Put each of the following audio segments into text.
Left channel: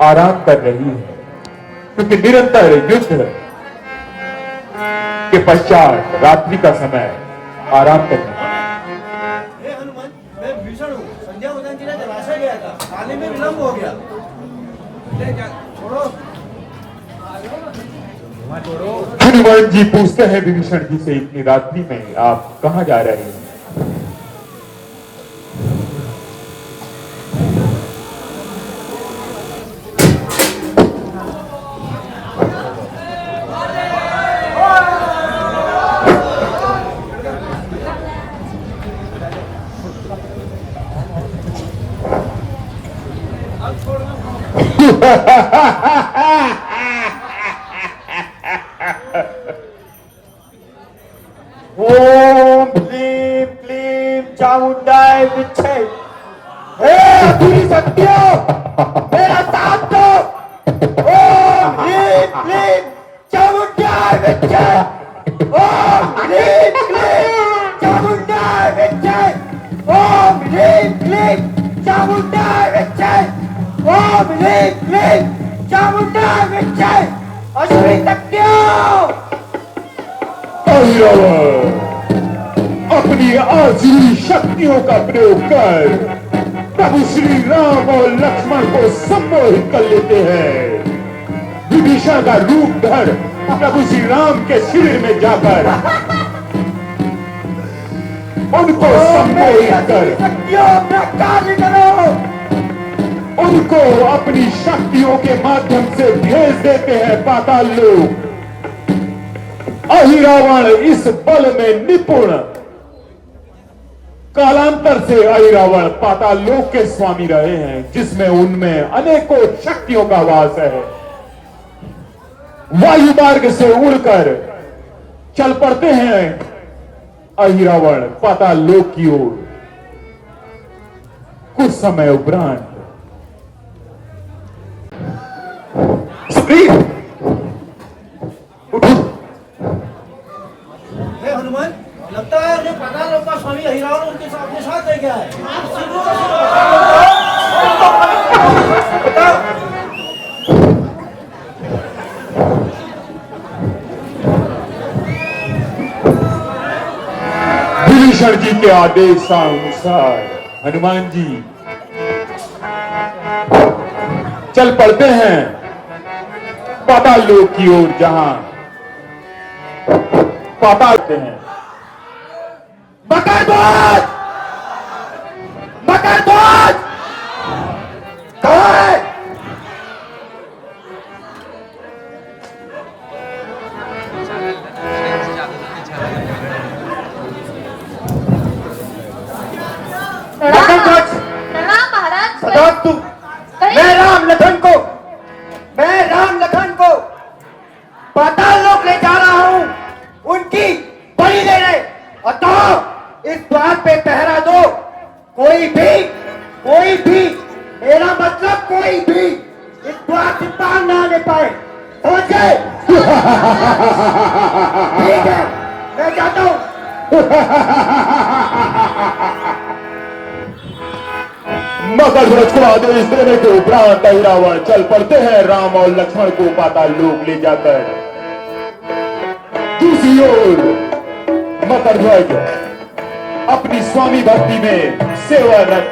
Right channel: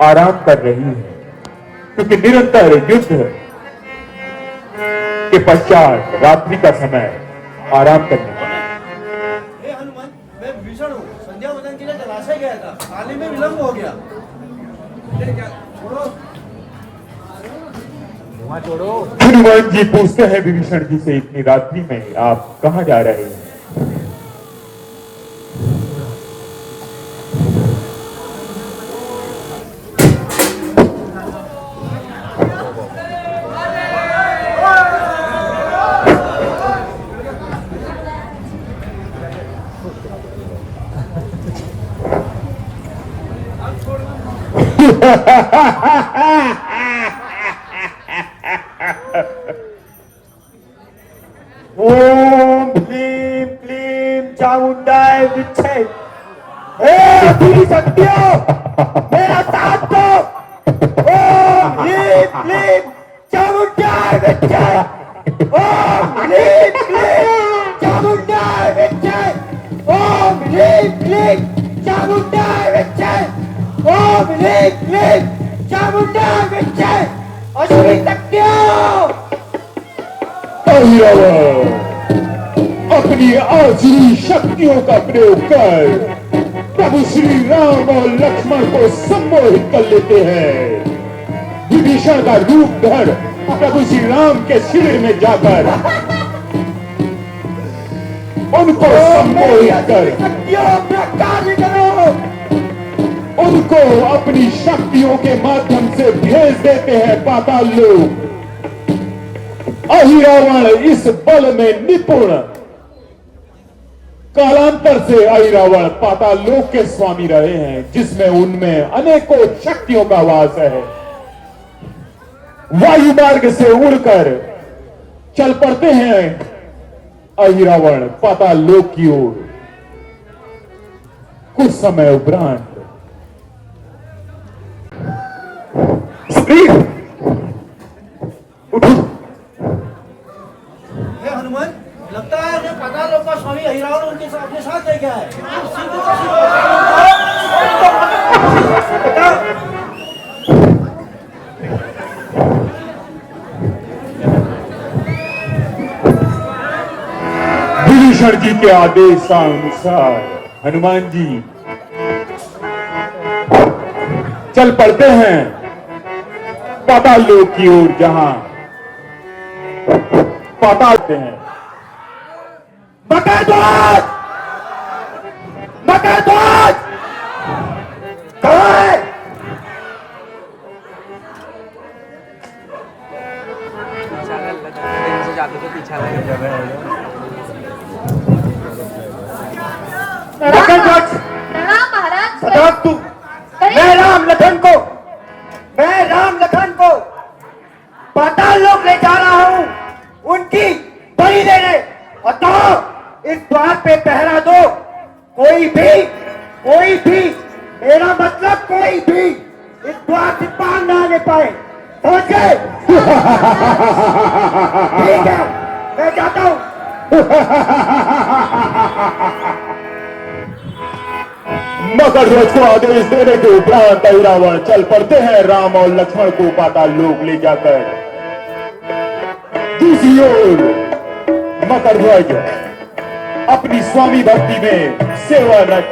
आराम कर रही है, क्योंकि निरंतर युद्ध के पश्चात रात्रि का समय आराम करने। हे हनुमान, मैं विभीषण हूँ। संध्या वंदन के लिए जलाशय गया था, आने में विलंब हो गया। छोड़ो। हनुमान जी पूछते हैं विभीषण जी से, इतनी रात्रि में आप कहां जा रहे हैं? ओम भीम क्लीम चामुंडाय विच्छे। हे पूरी शक्तियों, मेरा साथ दो। ओम भीम क्लीम चामुंडाय विच्छे। ओम भीम क्लीम चामुंडाय विच्छे। ओम भीम क्लीम चामुंडाय विच्छे। ओम भीम क्लीम चामुंडाय विच्छे। असुरी शक्तियों, अपनी आसुरी शक्तियों का प्रयोग कर प्रभु श्री राम और लक्ष्मण को सम्मोहित कर लेते हैं। विभीषण का रूप धर प्रभु श्री राम के शिविर में जाकर उनको सम्मोहित कर कार्य करो। उनको अपनी शक्तियों के माध्यम से भेज देते हैं पाताल लोक। अहिरावण इस बल में निपुण। कालांतर से अहिरावण पाताल लोक के स्वामी रहे हैं, जिसमें उनमें अनेकों शक्तियों का वास है। वायु मार्ग से उड़कर चल पड़ते हैं अहिरावण पाताल लोक की ओर। कुछ समय उपरांत हनुमान, लगता है कि पाताल लोक का स्वामी अहिरावण उनके साथ अपने साथ ले गया है। विभीषण जी के आदेशानुसार हनुमान जी चल पड़ते हैं पाताल लोक की ओर, जहां पाताल हैं। मकर ध्वज, मकर ध्वज कहाँ है? मकर ध्वज, प्रणाम महाराज। बताओ तू। मैं राम लखन को पाताल लोक ले जा रहा हूँ, उनकी बलि देने। अतः इस द्वार पे पहरा दो। कोई भी, मेरा मतलब कोई भी इस द्वार से पार ना ले पाए। समझ गए? ठीक है, मैं जाता हूँ। मकर ध्वज को आदेश देने के उपरांत अहिरावण चल पड़ते हैं राम और लक्ष्मण को पाताल लोक ले जाकर। दूसरी ओर मकर ध्वज अपनी स्वामी भक्ति में सेवारत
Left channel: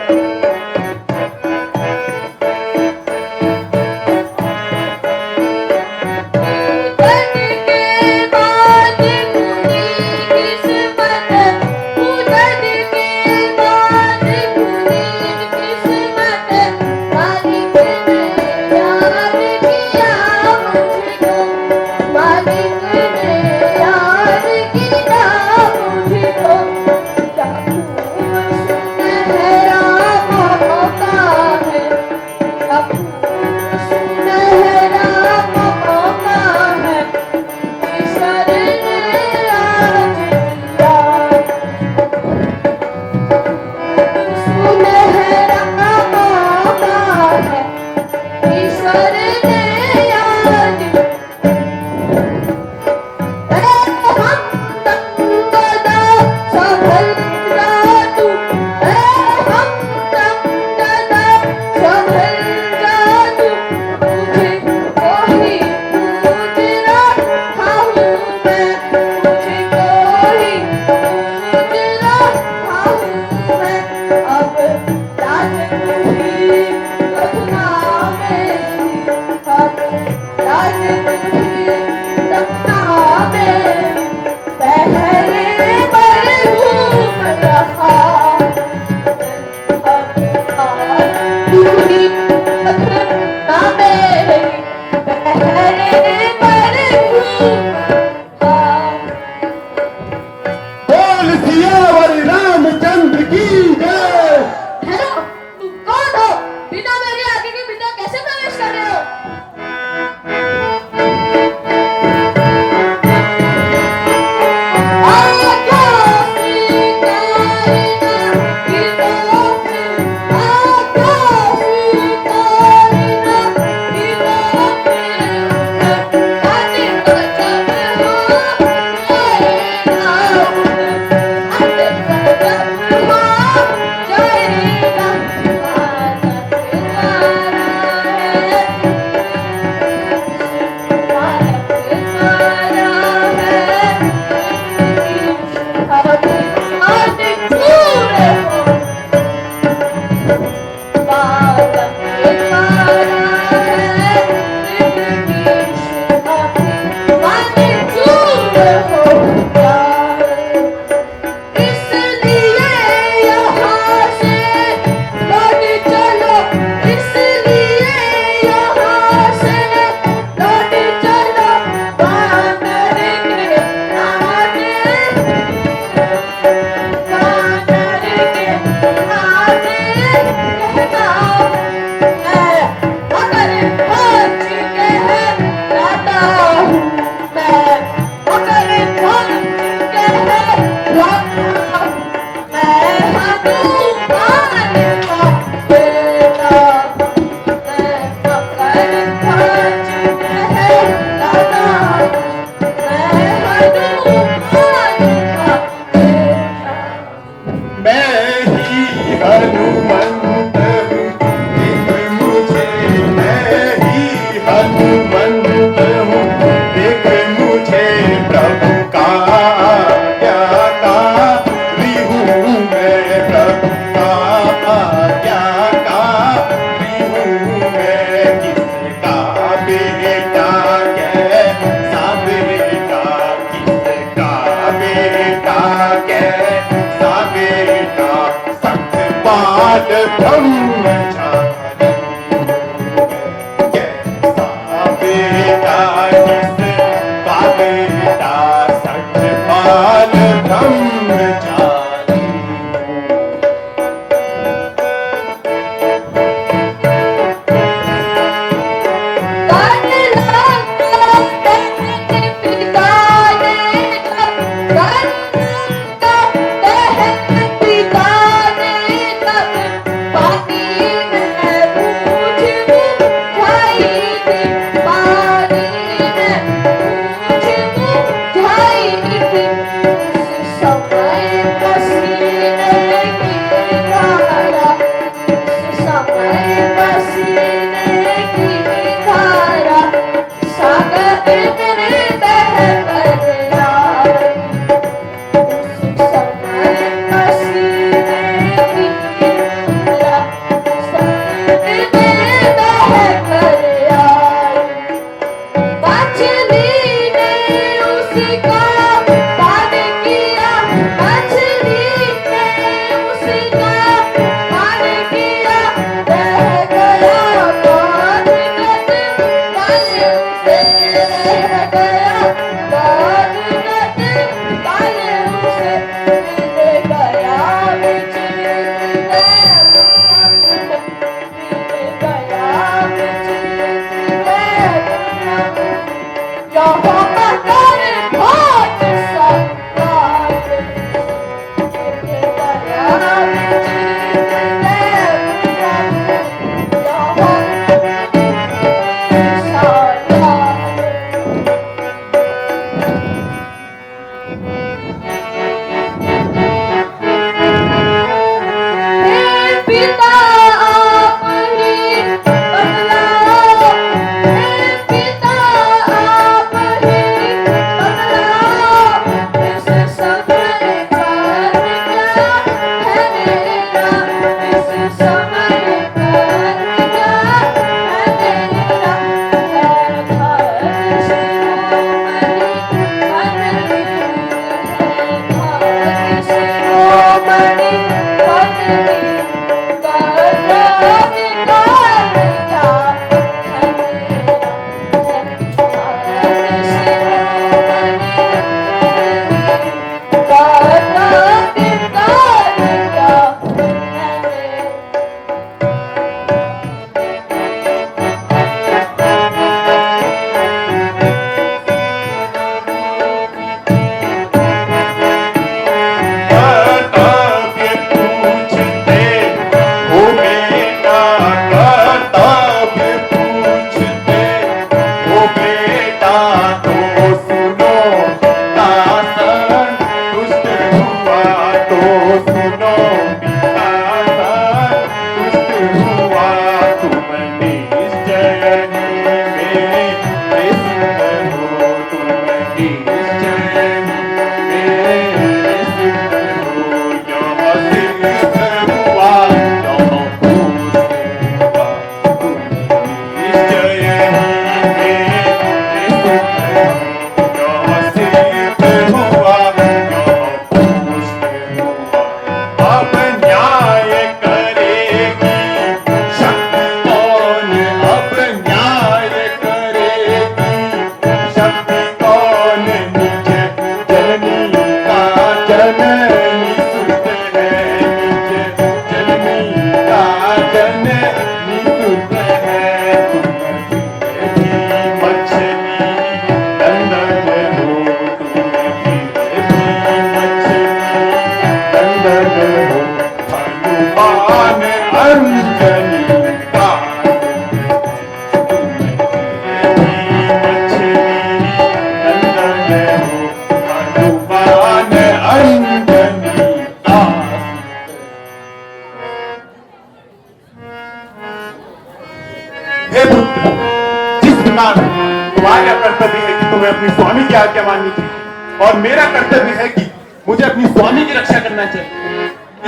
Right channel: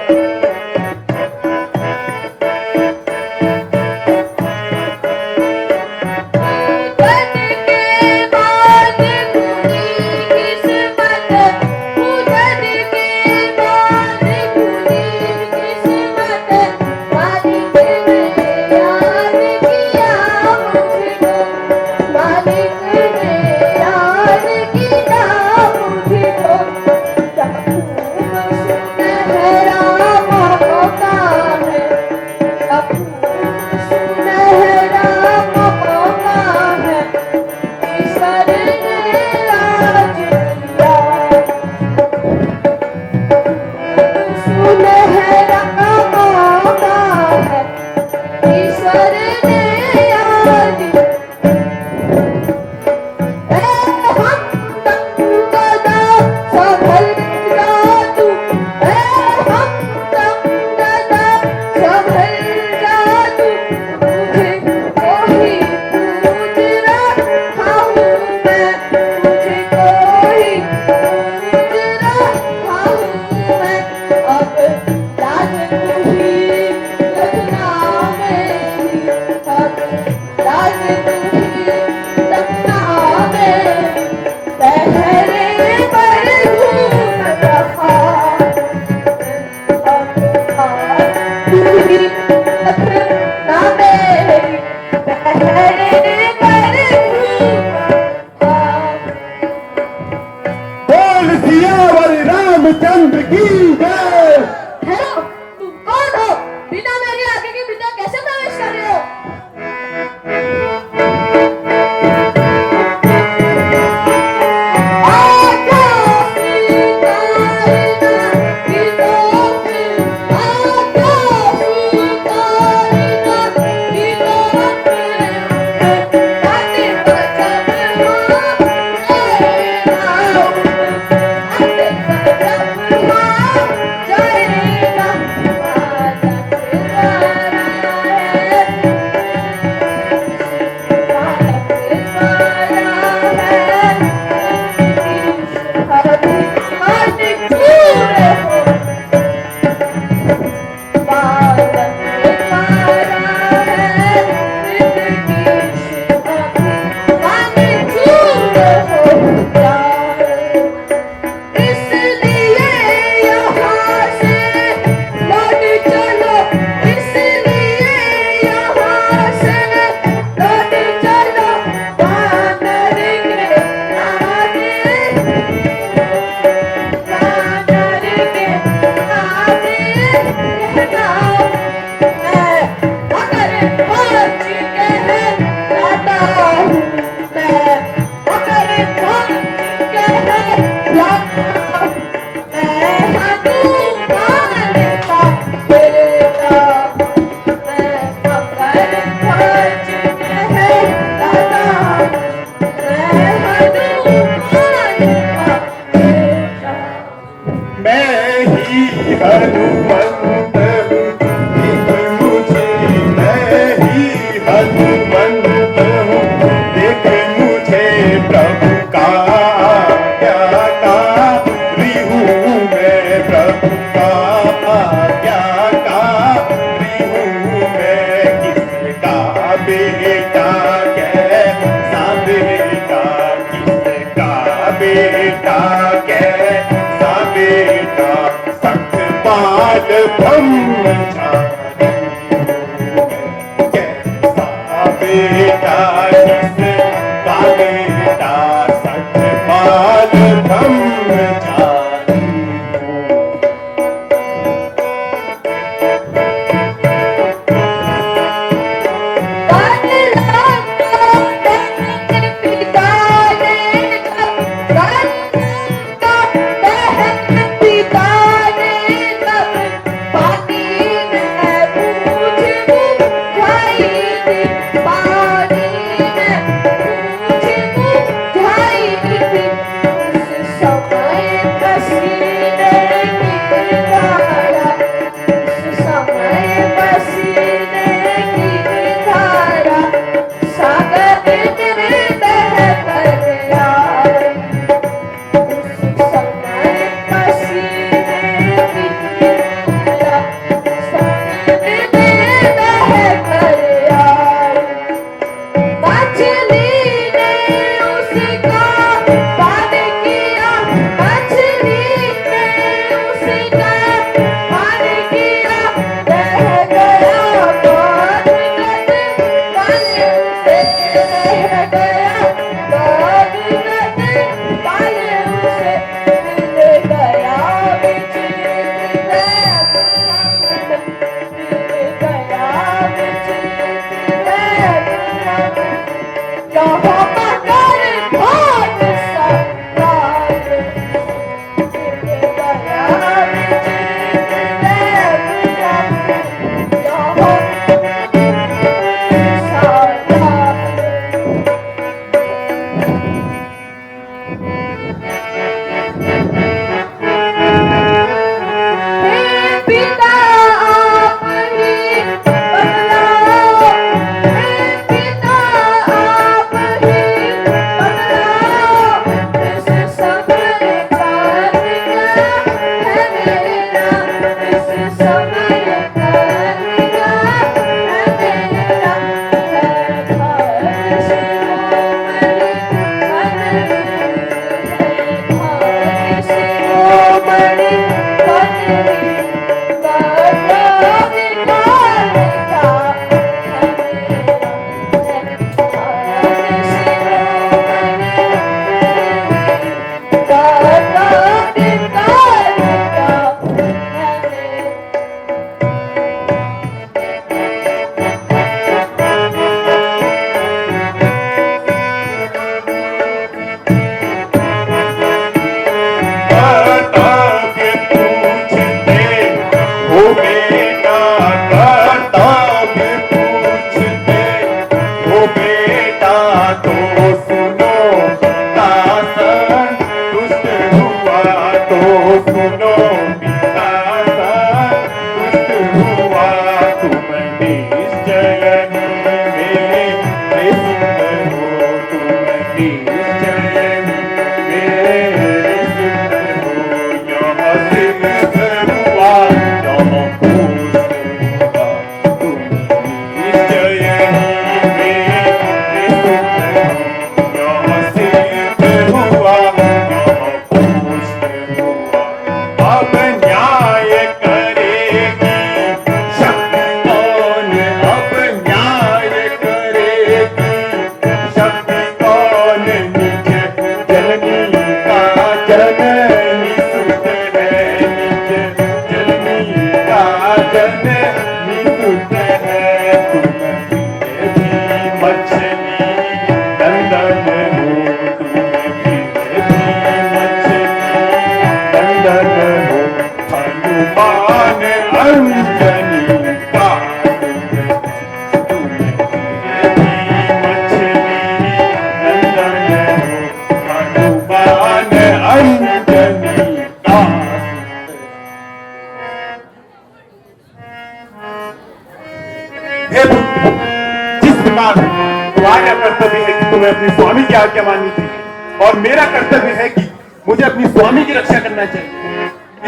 कर्तव्य है कि तुम्हें अपनी स्वामी की आज्ञा माननी चाहिए और मेरा कर्तव्य है कि मुझे अपनी स्वामी की रक्षा करना चाहिए।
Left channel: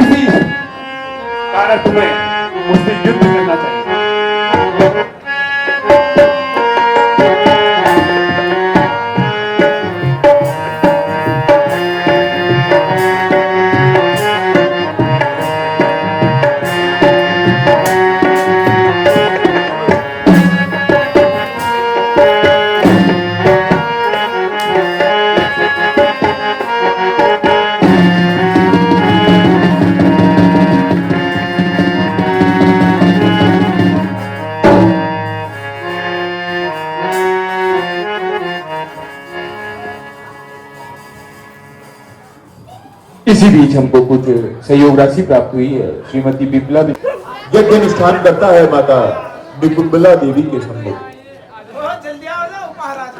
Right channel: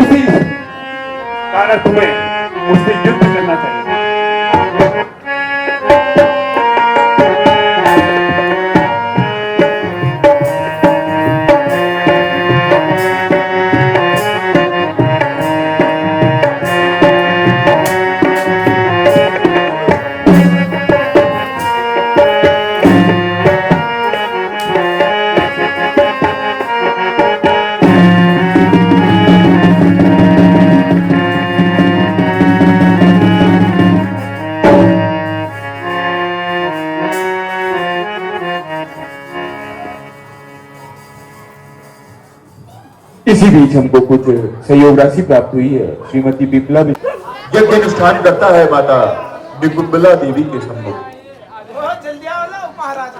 इसी कारण तुम्हें मुझसे युद्ध करना चाहिए। इसी बीच हमको कुछ सहयोग राशि प्राप्त हुई है। श्रीमती बिप्ला यज्ञ अनुष्ठान करता है माता निकुंबला देवी के संग। बहुत जल्दी आओ ना महाराज।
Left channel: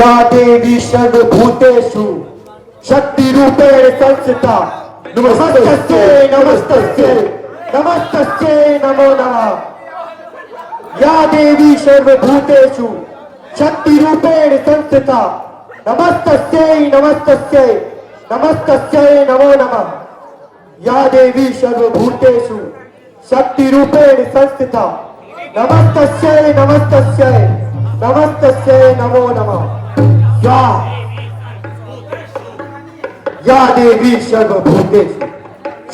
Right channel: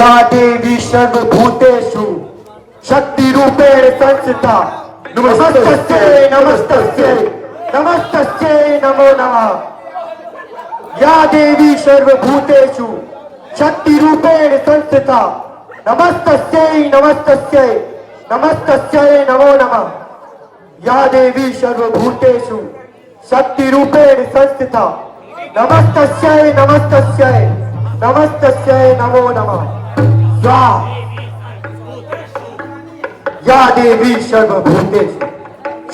या देवी सर्वभूतेषु शक्ति रूपेण संस्थिता नमस्तस्यै नमस्तस्यै नमस्तस्यै नमो नमः। या देवी सर्वभूतेषु शक्ति रूपेण संस्थिता नमस्तस्यै नमस्तस्यै नमस्तस्यै नमो नमः। या देवी सर्वभूतेषु शक्ति रूपेण संस्थिता नमस्तस्यै नमस्तस्यै नमस्तस्यै नमो नमः। या देवी सर्वभूतेषु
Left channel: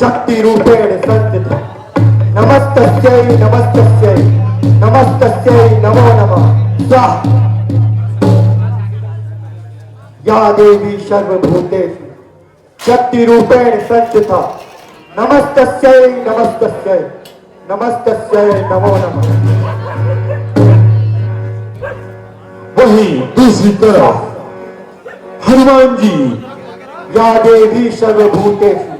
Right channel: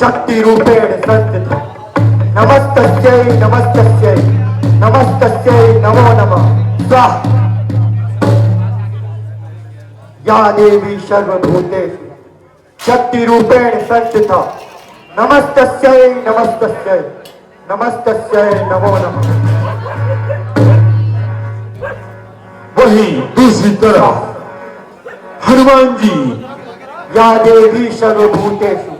शक्ति रूपेण संस्थिता नमस्तस्यै नमस्तस्यै नमस्तस्यै नमो नमः। या देवी सर्वभूतेषु शक्ति रूपेण संस्थिता नमस्तस्यै नमस्तस्यै नमस्तस्यै नमो नमः। वहीं दूसरी तरफ हनुमान जी या देवी सर्वभूतेषु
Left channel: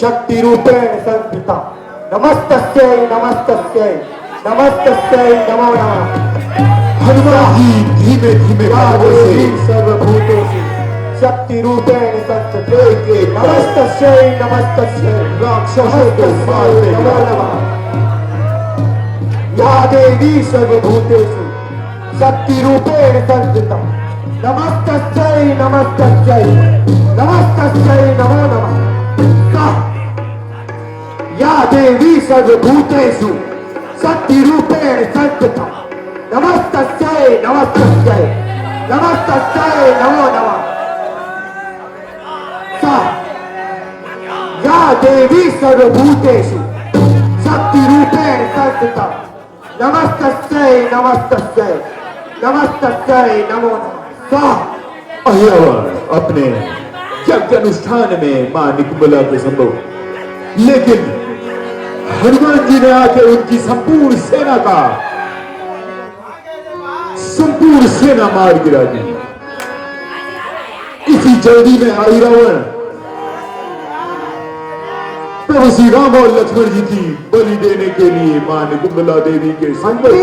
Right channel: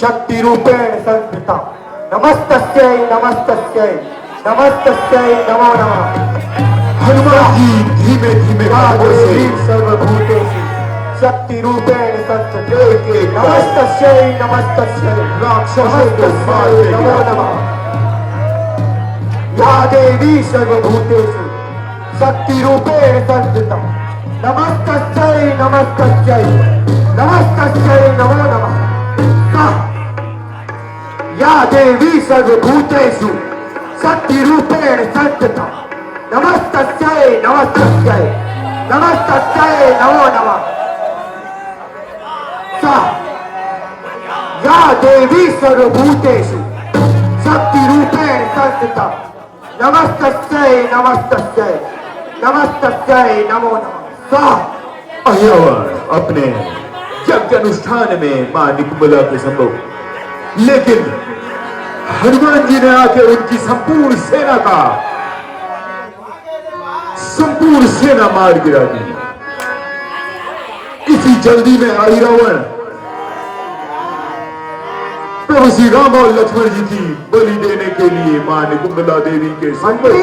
शक्ति रूपेण संस्थिता नमस्तस्यै नमस्तस्यै नमस्तस्यै नमो नमः। हनुमान जी धीमे धीमे पादों से सर्वभूतेषु शक्ति रूपेण संस्थिता नमस्तस्यै नमस्तस्यै राक्षसों को मारते नमो नमः। या देवी सर्वभूतेषु शक्ति रूपेण संस्थिता नमस्तस्यै नमस्तस्यै नमस्तस्यै नमो नमः। या देवी सर्वभूतेषु शक्ति रूपेण संस्थिता नमस्तस्यै नमस्तस्यै नमस्तस्यै नमो नमः। या देवी सर्वभूतेषु शक्ति रूपेण संस्थिता नमस्तस्यै नमस्तस्यै नमस्तस्यै नमो नमः। अपने यज्ञ अनुष्ठान में मां निकुंबला को संभव, लेकिन हनुमान जी ने आकर उनकी संपूर्ण सेना मार गिरा दी। इसी जल्दी में आई रावण प्रभु श्री राम और लक्ष्मण जी की बलि देने के लिए मां निकुंबला देवी के मंत्री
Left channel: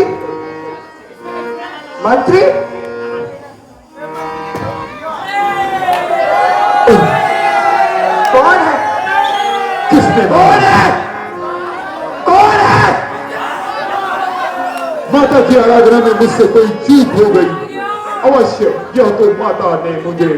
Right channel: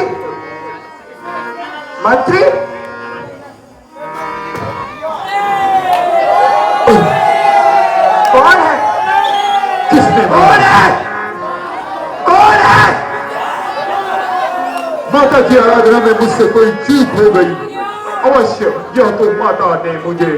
मंत्री कौन है? किसने कौन है? कौन है? माता की आराधना में मुझसे कोई चूक हो गई। अवश्य यह तो माता ने मुझे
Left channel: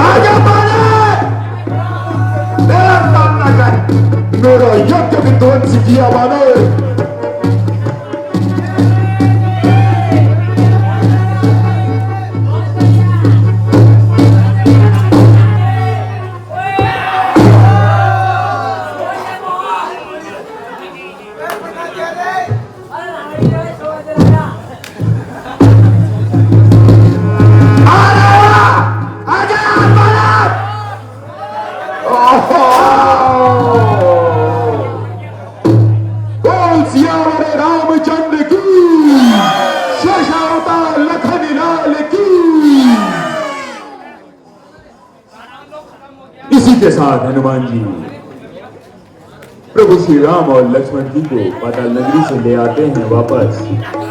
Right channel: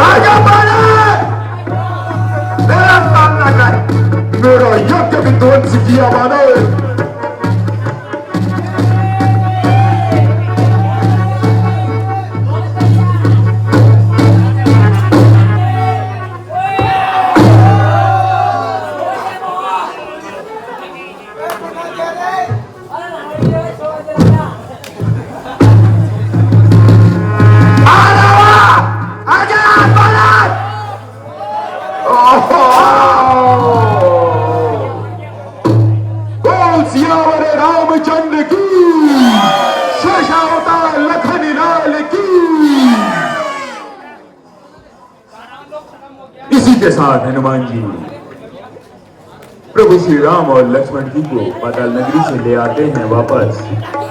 राजा महाराज मेरा सामना कर। मेरा यज्ञ विध्वंस किया मानो। इसी के साथ हनुमान जी प्रभु श्री राम और लक्ष्मण जी को पाताल नगरी से ले आते हैं वापस।